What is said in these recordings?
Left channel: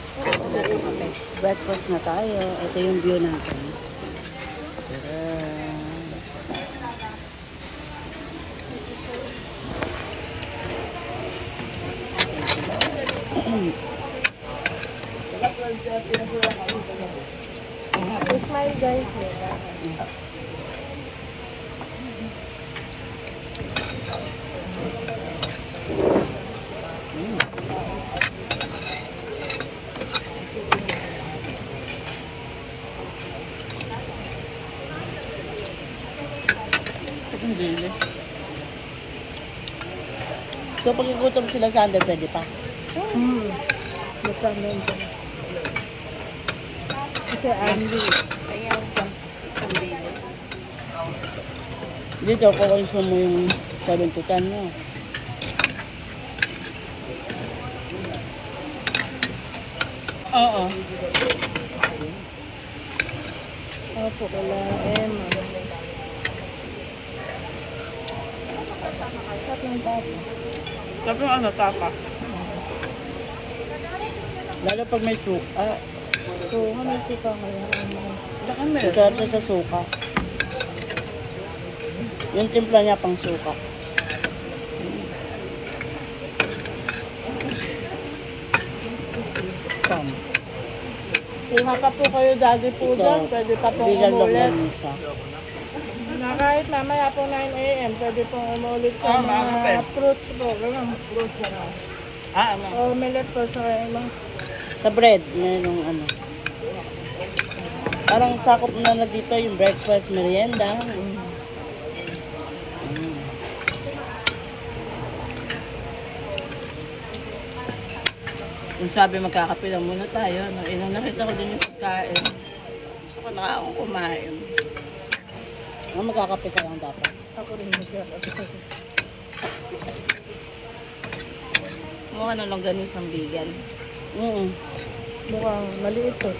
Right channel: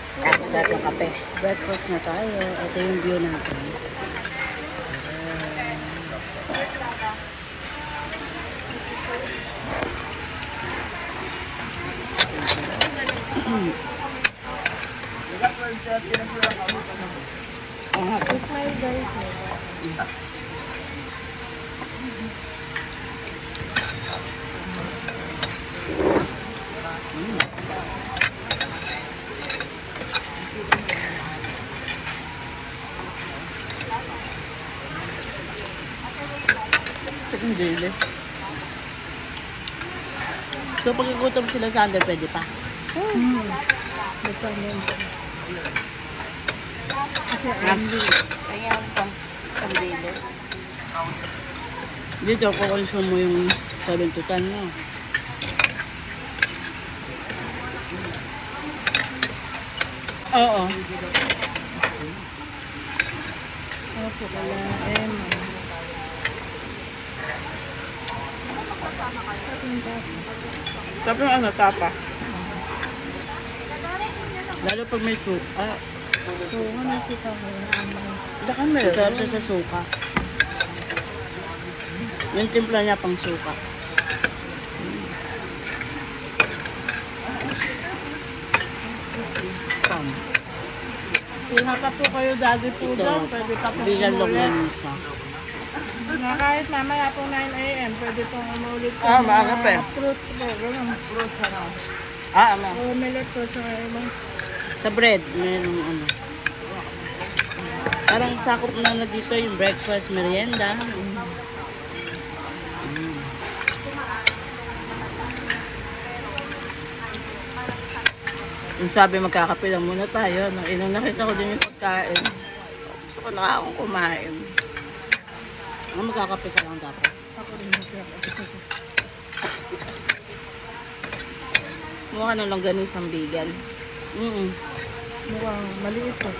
Sa kape. Breakfast na tayo. Ito yung view natin. Smile guys. Hindi. So, pag igutom sila sa under, pwede pa? Kasi Andy. Dito, kukonsume mo yung 7 to 10 mo. Oo. Opo, kailangan Tapos ano, tapa? Lalo pag may suka. may suka ko. Baka meron. Masarap siya sa suka. Yung timpla niya pang suka. Kung haka po kayo daddy po doon, pwede pa pong umulit. Na kahit mamaya po 9 AM, pwede pong umulit sa mga fruits po. Fruits na. Ano? O millet po sa ilang. Sa bread, merong ano. Parang sakop na dito yung breakfast, merienda. Yung sabi magkakape lang muna tayo. Nung inang nakita ko din yung pagkain. Gusto ko na akong kumain. Magkakape ka lang dapat. Ako rin magkakape. Mukha na lang ganis ang vegan. Mukhang maliit po.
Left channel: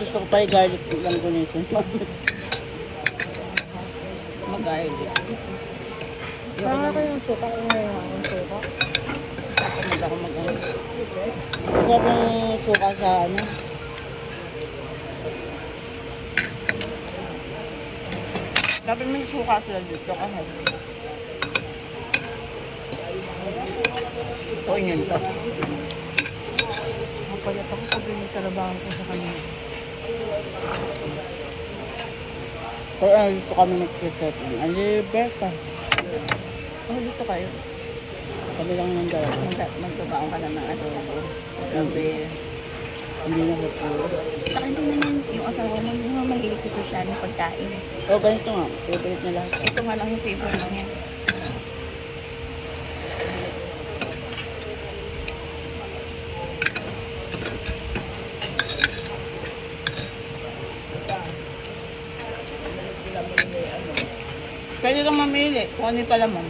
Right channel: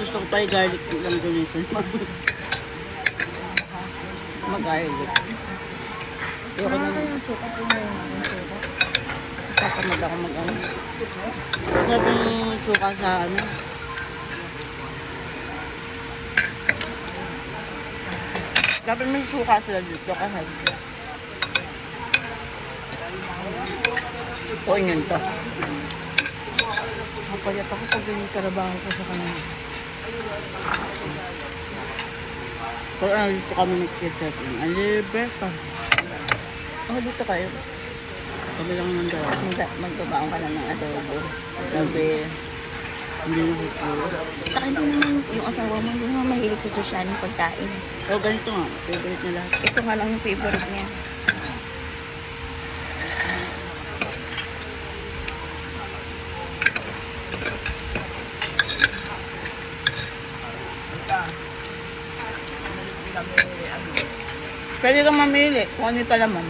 Gusto ko pa yung garlic lang gunitin. Mag-garlic. Kaya kayong suka yung suka? Tapos mag-ano. Masarap yung suka sa ano. Dapat may suka sila dito kasi. O yun to. Kapayat ako pag yung trabaho ko sa kanila. Kaya dito kami nag-setting. Ang libre ka. Dito kayo. Kami lang yung daw. Magdabaan ka lang ng adobo. Hindi na kukulo. Saka hindi naman yung asawa mo, hindi naman mahilig sa social ng pagkain. O ganito nga. Favorite na lahat. Ito nga lang yung favorite niya. Pwede kang mamili kung ano yung palaman.